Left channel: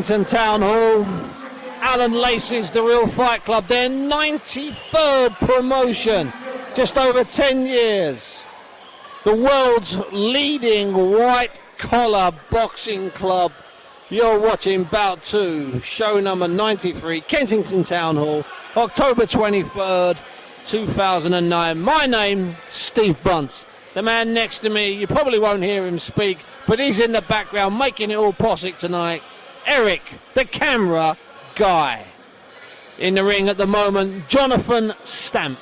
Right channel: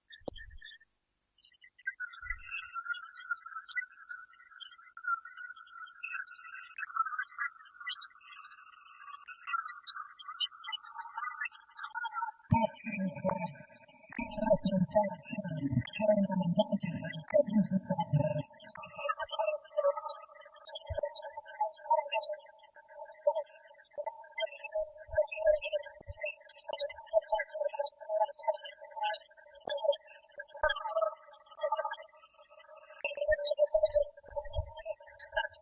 Town Hall, Alan Lacey's The Real Fight Club, their 93rd promotion, just over 10 years. The world's leading white-collar boxing club. You're watching Bout 2, show number 93, Kensington Town Hall, October 23rd, 2009. My name, Steve Bunce. The man next to me, you probably won't hear him speak, but he's in the background making it all possible tonight. Eric, the camera guy. In the ring at the moment, Jonathan Stamp.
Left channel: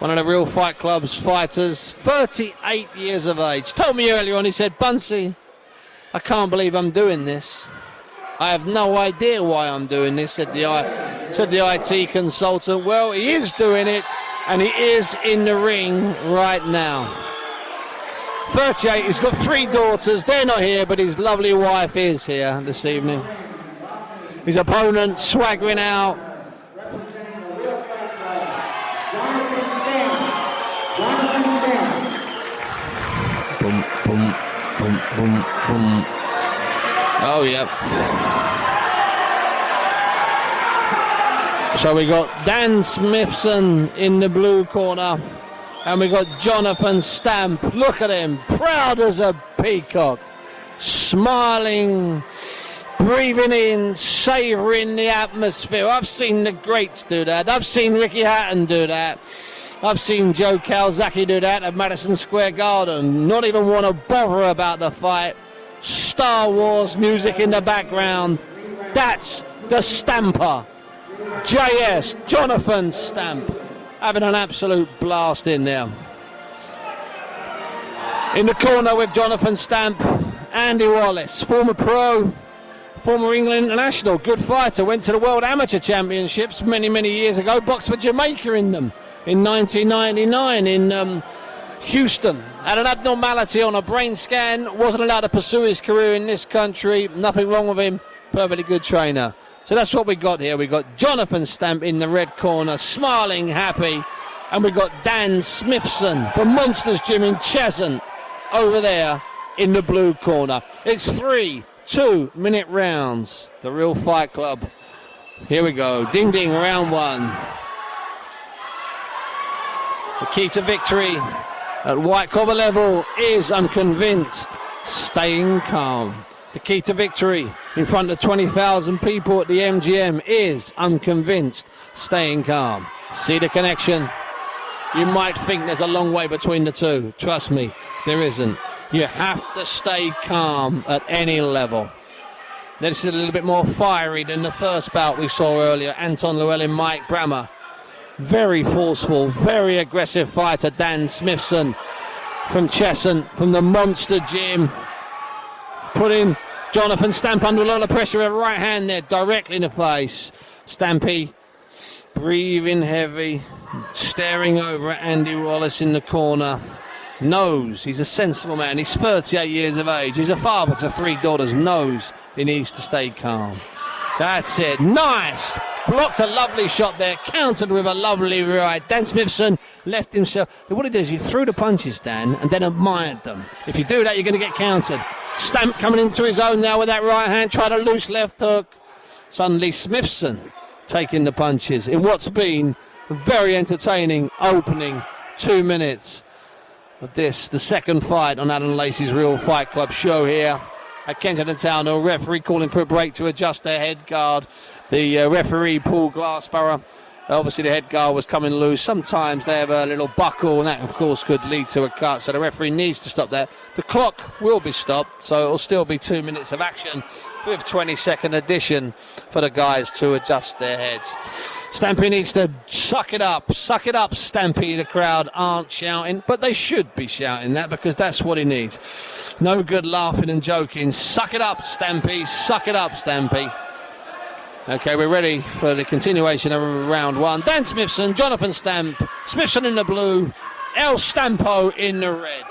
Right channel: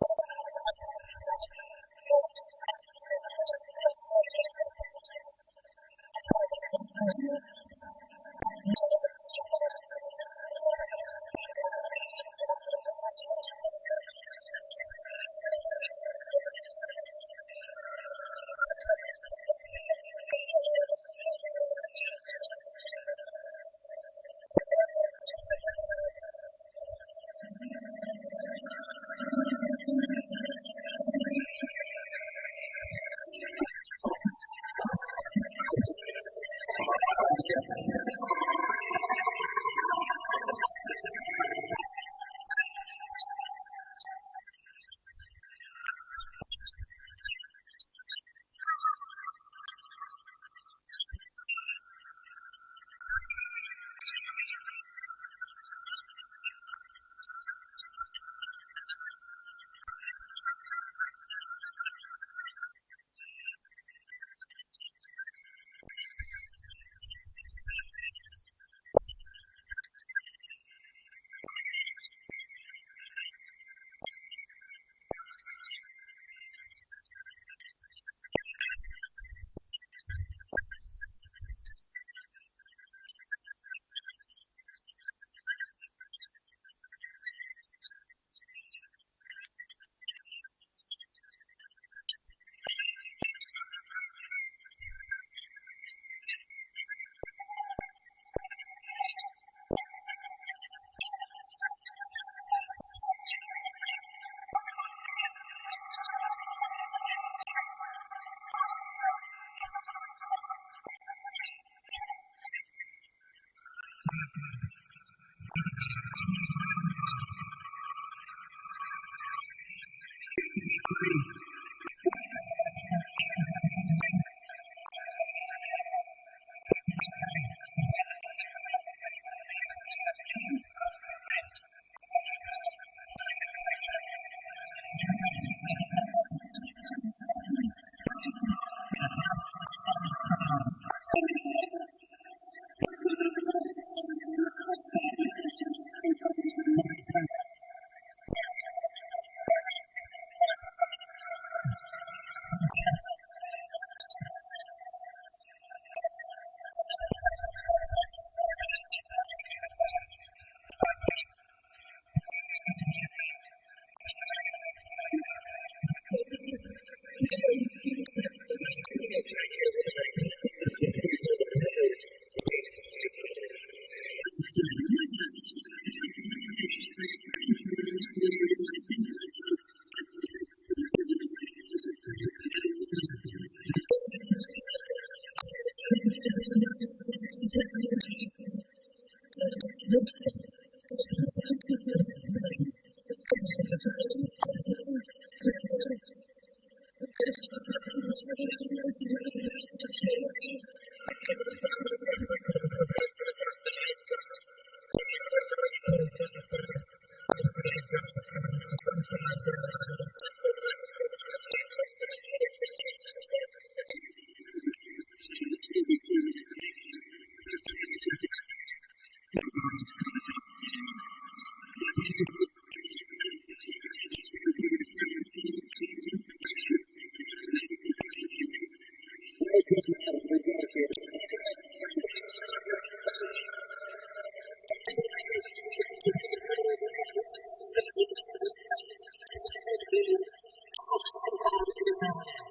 One of the Real Fight Club's fighters, 38 years of age. Told me earlier on, he said, Buncey, I can't believe I'm doing this. I have no idea why I'm doing this, said the IT consultant. Well, he is doing it, and he is in the ring right now. 38, he's got 3 daughters. They're not here, but his lovely wife is here this evening. His opponent swaggering out. Boom, boom, boom, boom, boom. Oh, yeah. So we got Dan Smithson in the blue corner. And we got Jonathan Stamp. Look at him, proud as a peacock, smiling, breathing in, savouring the atmosphere. I've seen the greats do that. I've seen Ricky Hatton do that. I've seen Joe Calzaghe do that at Madison Square Garden. Not even want to bother about the fight. Star Wars music in the background. That's the Stamper. JS, Jonathan Stamp. Having an absolute blast in there. In the corner with Jonathan Stamp, Andy Wallace, former pro, former England international, good fighter, went to the World Amateur Championships many, many years ago, boxed for Jamaica in them in 1999 in Houston. Had an abnormality on a brain scan, wasn't allowed to pursue his career in this country, nothing wrong with him, perfectly good trainer. So that's what we got here. We got Jonathan Stamp in the red corner, smiling, happy. And we got Dan Smithson from Monsters Gym in Cheshunt over there in the blue corner. It's 3 2-minute rounds. The Real Fight Club. Here we go. Ding, ding, round 1. The key to victory at white collar level is, I'm convinced, staying calm. The key to victory in front of 20,000 people at the MGM is, I'm convinced, staying calm. See the connection? You might think there's a long way between the two. Trust me, there isn't. You have to stay calm at any level. This is a little bit more fiery than the first bout we saw earlier. Anton Llewellyn, Mike Brammer. Very forceful, very aggressive fighter, Dan Smithson from Cheshunt, from the Monster Gym. Putting Jonathan Stamp under a lot of pressure with a right hand there, directly in the face. Stampy, breathing heavy, staring over at Andy Wallace in the corner. Knows he's a sensible man. He's 38 years of age. He's a father to 3 daughters. Knows he needs to stay calm. That's it. Nice. Blocked a lovely shot there. Countered with a lovely right. Dan Smithson left himself. What he did is he threw the punches, Dan, and then admired them. If you do that, you're going to get countered. Stamp coming into his own now with that right hand. Tried a loose left hook. Suddenly Smithson taking the punches in what's been a very entertaining opening 2 minutes of this, the second fight on Alan Lacey's Real Fight Club show here at Kensington Town Hall. Referee calling for a break to adjust their head guard. The referee, Paul Glassborough, obviously the head guard was coming loose. Sometimes they have a little buckle, and that of course could lead to a cut, so the referee needs to stop that. The clock will be stopped, so it'll still be 2 minutes of action with 20-second addition for the guys to adjust their heads. Stampy needs to suck it up, Stampy. The crowd aren't shouting, but they should be shouting that because that's what he needs. No good laughing and joking. Suck it up, Stampy, suck it up, Stampy. Okay, we're ready for the continuation of round 1. Dan Smithson, Jonathan Stamp, Smithson in the blue, El Stampo in the red.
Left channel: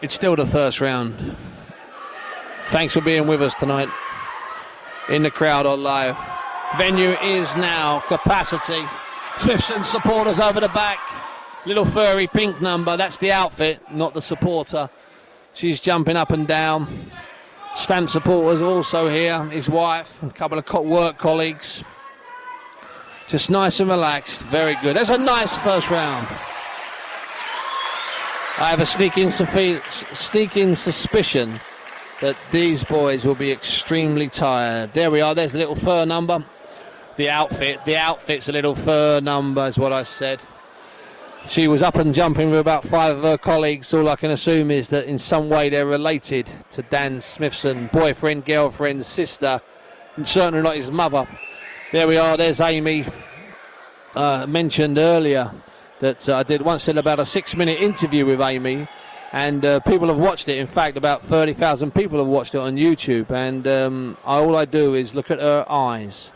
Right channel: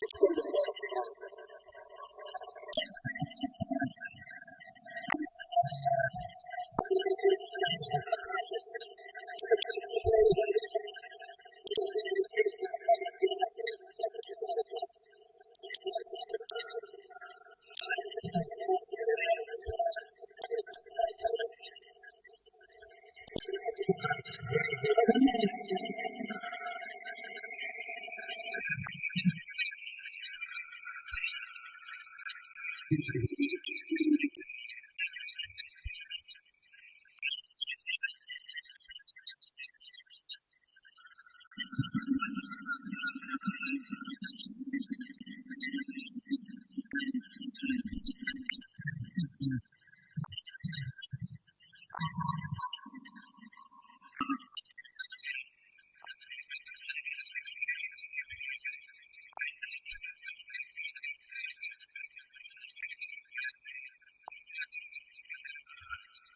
It's still the first round. Thanks for being with us tonight in the crowd or live. Venue is now capacity. Smithson supporters over the back. Little furry pink number, that's the outfit, not the supporter. She's jumping up and down. Stamp supporters also here, his wife, a couple of work colleagues. Just nice and relaxed, very good. That's a nice first round. I have a sneaking suspicion that these boys will be extremely tired. There we are, there's the little fur number. The outfit's a little fur number is what I said. She was up and jumping with about 5 of her colleagues. All I can assume is that in some way they're related to Dan Smithson, boyfriend, girlfriend, sister, and certainly not his mother. There we are, there's Amy. Mentioned earlier that I once did about a 6-minute interview with Amy, and people have watched it. In fact, about 30,000 people have watched it on YouTube, and all I do is look at her eyes.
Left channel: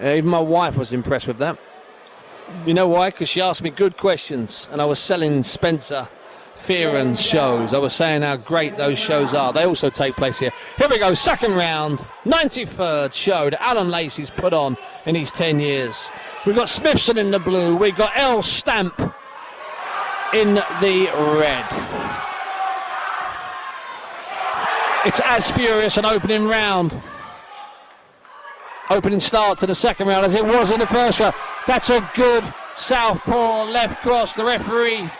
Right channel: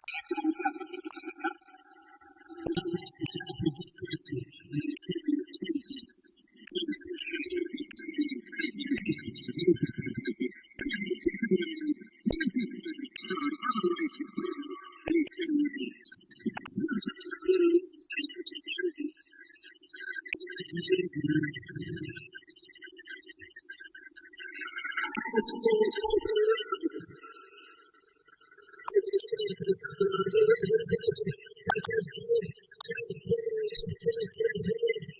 Even my wife was impressed with that. You know why? Because she asked me good questions, and I was selling Spencer Fearon's shows. I was saying how great those shows are. They also take place here. Here we go, second round, 93rd show that Alan Lacey's put on in his 10 years. We've got Smithson in the blue. We've got L. Stamp in the red. It's as furious an opening round. Opening start to the second round as it was in the first round. That's a good southpaw left cross. The referee,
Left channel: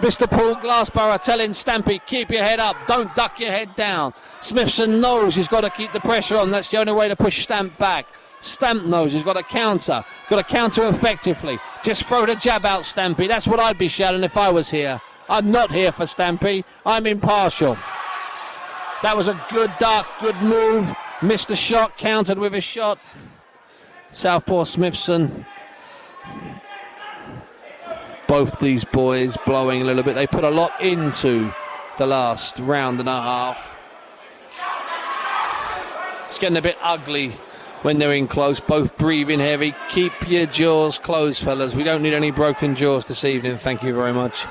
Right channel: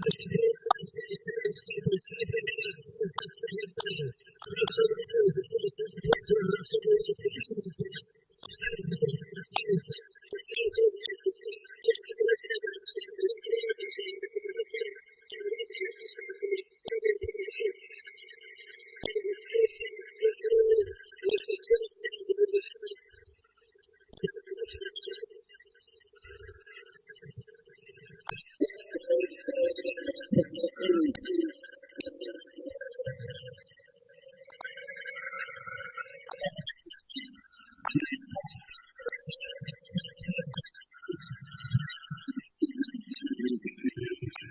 Mr. Paul Glassborough, telling Stampy, keep your head up, don't duck your head down. Smithson knows he's got to keep the pressure on. That's the only way to push Stamp back. Stamp knows he's got to counter effectively. Just throw the jab out, Stampy. That's what I'd be shouting if I was here. I'm not here for Stampy. I'm impartial. That was a good duck, good move. Missed the shot, countered with a shot. Southpaw Smithson. Both these boys blowing a little bit. They put a lot into the last round and a half. It's getting a bit ugly when they're in close, both breathing heavy. Keep your jaws closed, fellas. We don't need any broken jaws this evening, thank you very much.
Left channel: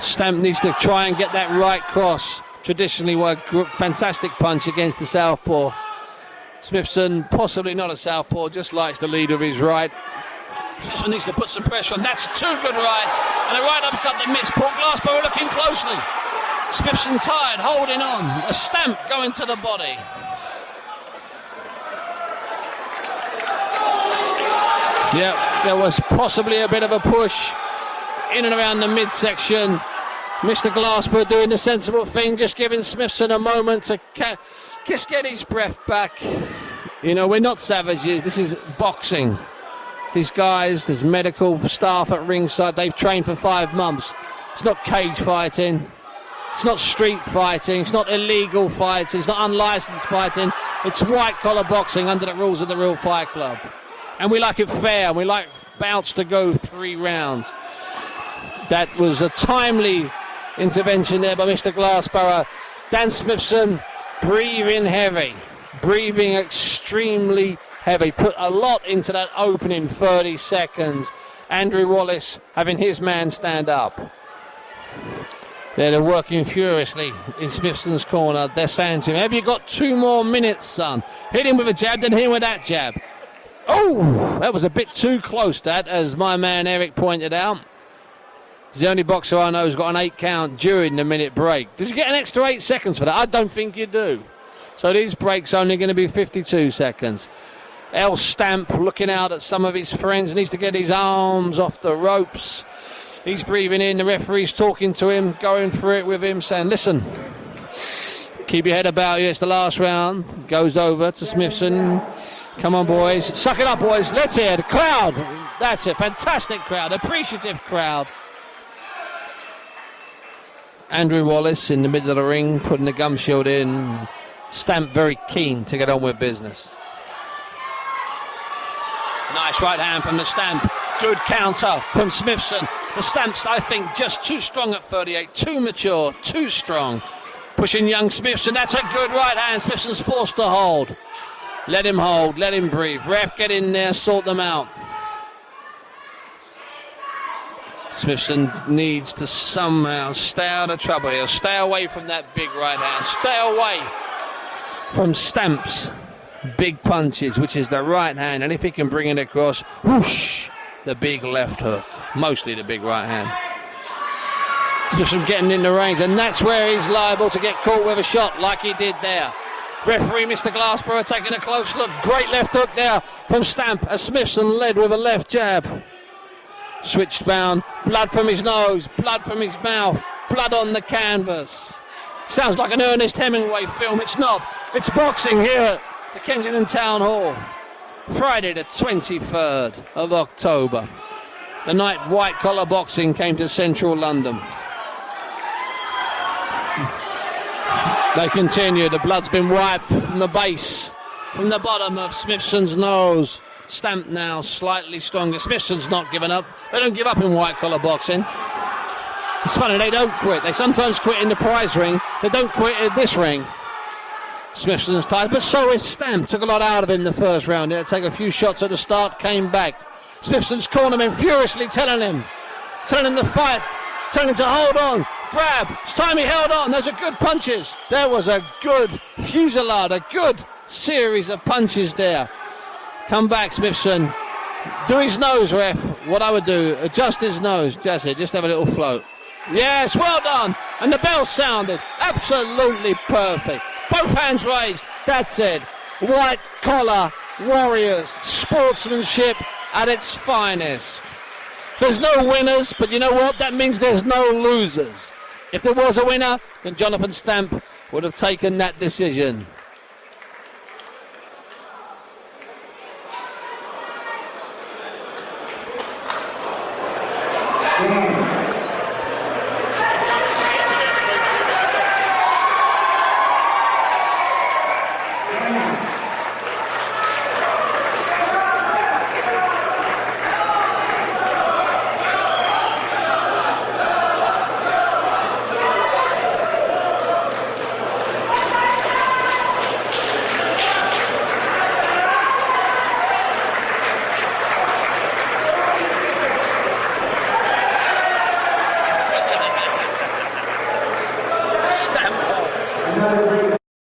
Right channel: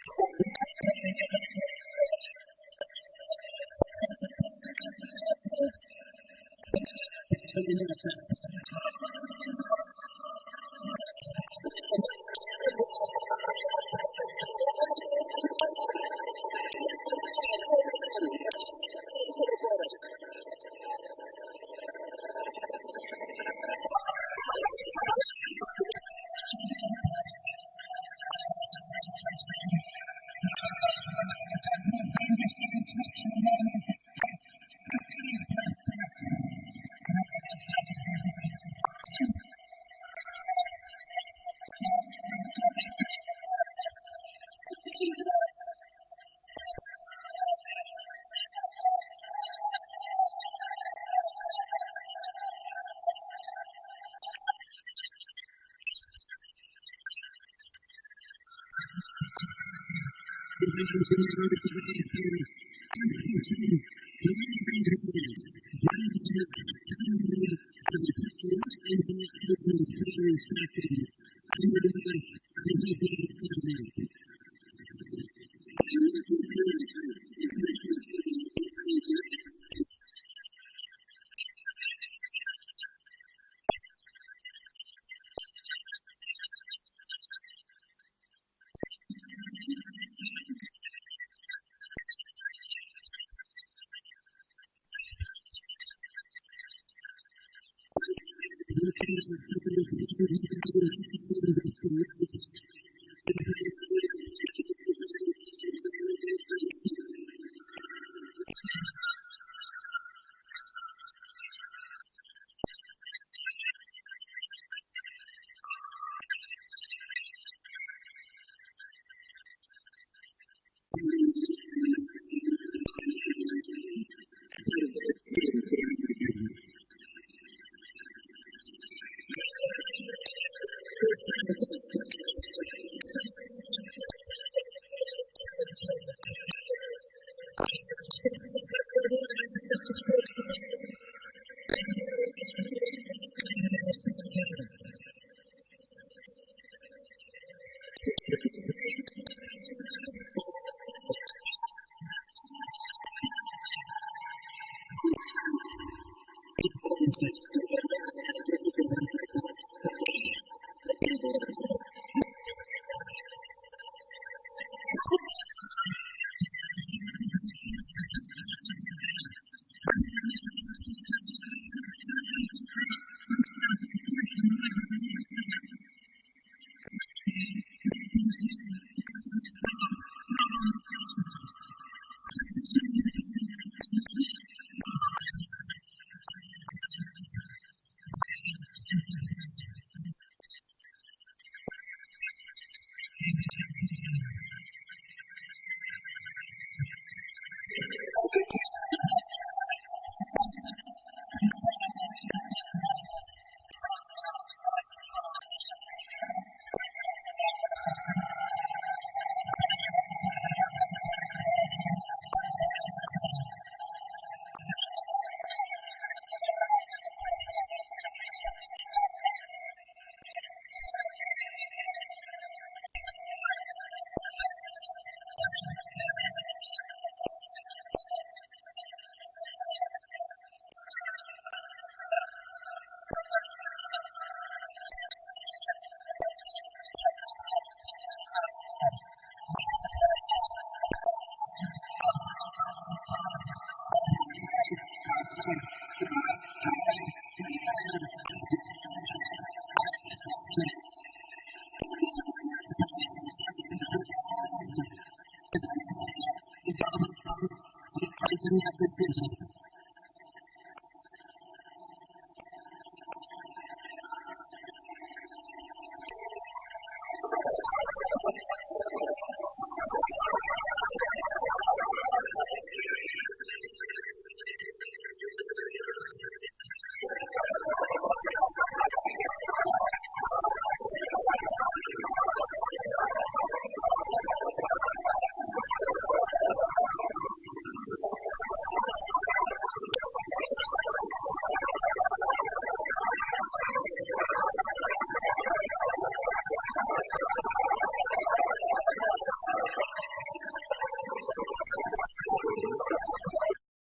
Stamp needs to try and get that right cross. Traditionally, a fantastic punch against the southpaw. Smithson, possibly not a southpaw, just likes the lead of his right. Smithson needs to put some pressure on. That's 2 good rights. And a right uppercut that missed. Paul Glassborough looking closely. Smithson tired, holding on. A Stamp going to the body. Yeah, there was possibly a bit of a push in and around the midsection. Mr. Glassborough doing the sensible thing, just giving Smithson a moment to just get his breath back. You know, we're not savages. This is boxing. These guys, there's medical staff at ringside. They've trained for 5 months. It's not cage fighting. It's not street fighting. It's not illegal fighting. It's not unlicensed fighting. It's white-collar boxing under the rules of the Real Fight Club. And we like it fair. We like bouts to go 3 rounds. That was a timely intervention there by Mr. Glassborough. Dan Smithson breathing heavy. Breathing extremely heavy. Put a lot into that opening 30 seconds. Andrew Wallace having his man stand up. They're working furiously in Smithson's corner. They're saying to him, have you got 2 more minutes, son? Hit him with a jab, then hit him with that jab. Oh, that was a bit too close, that, as my man Eric pointed out. He's the only boxer I know who's got an 8 count during the minute break. Did you get an extra 8 seconds for that? I don't think you do. So these breaks only going to be 52 seconds. L. Stamp looking out at some of his friends, needs to get his arms off the ropes. He's breathing in, the referee's talking to him, going through it with him, saying, listen, keep your head about you, it's the last round. Goes over to Smithson. Come on, boys. Suck it up, boys. Let's hear the crowd. That's it. Fantastic crowd. Appreciative crowd. Andrew Wallace in the middle of the ring, putting the gum shield in. Stamp very keen to get on with business. Nice right hand from the Stamp. Good counter from Smithson. The Stamp's, I think, just too strong at 38. Too mature, too strong. Pushing young Smithson. That's a good right hand. Smithson's forced to hold. Let him hold, let him breathe. Ref, get in there, sort them out. Smithson needs to somehow stay out of trouble here. Stay away from that big right hand. Stay away from Stamp's big punches, which is the right hand. And if he can bring it across, whoosh, the big left hook. Mostly the big right hand. Smithson getting in the range, and that's where he's liable to get caught with a shot like he did there. Referee Mr. Glassborough taking a close look. Great left hook there from Stamp as Smithson led with a left jab. Switched bound, blood from his nose, blood from his mouth, blood on the canvas. Sounds like an Ernest Hemingway film. It's not. It's boxing here at the Kensington Town Hall. Friday the 23rd of October. The night white collar boxing came to central London. They continue. The blood's been wiped from the base, from the bottom of Smithson's nose. Stamp now slightly stronger. Smithson's not given up. They don't give up in white collar boxing. It's funny, they don't quit. They sometimes quit in the prize ring. They don't quit in this ring. Smithson's tired, but so is Stamp. Took a lot out of him in the first round. He had to take a few shots at the start, came back. Smithson's cornerman furiously telling him to fight, telling him to hold on, grab. It's time he held on. Those are good punches. There was a good fusillade, a good series of punches there. Come back, Smithson. Do his nose, ref. What I would do, adjust his nose. That's it, just have a little float. Yes, well done. And the bell sounded. Absolutely perfect. Both hands raised. That's it. White collar warriors. Sportsmanship at its finest. There's no winners, but you know what? That means there's no losers. If there was a winner, then Jonathan Stamp would have taken that decision.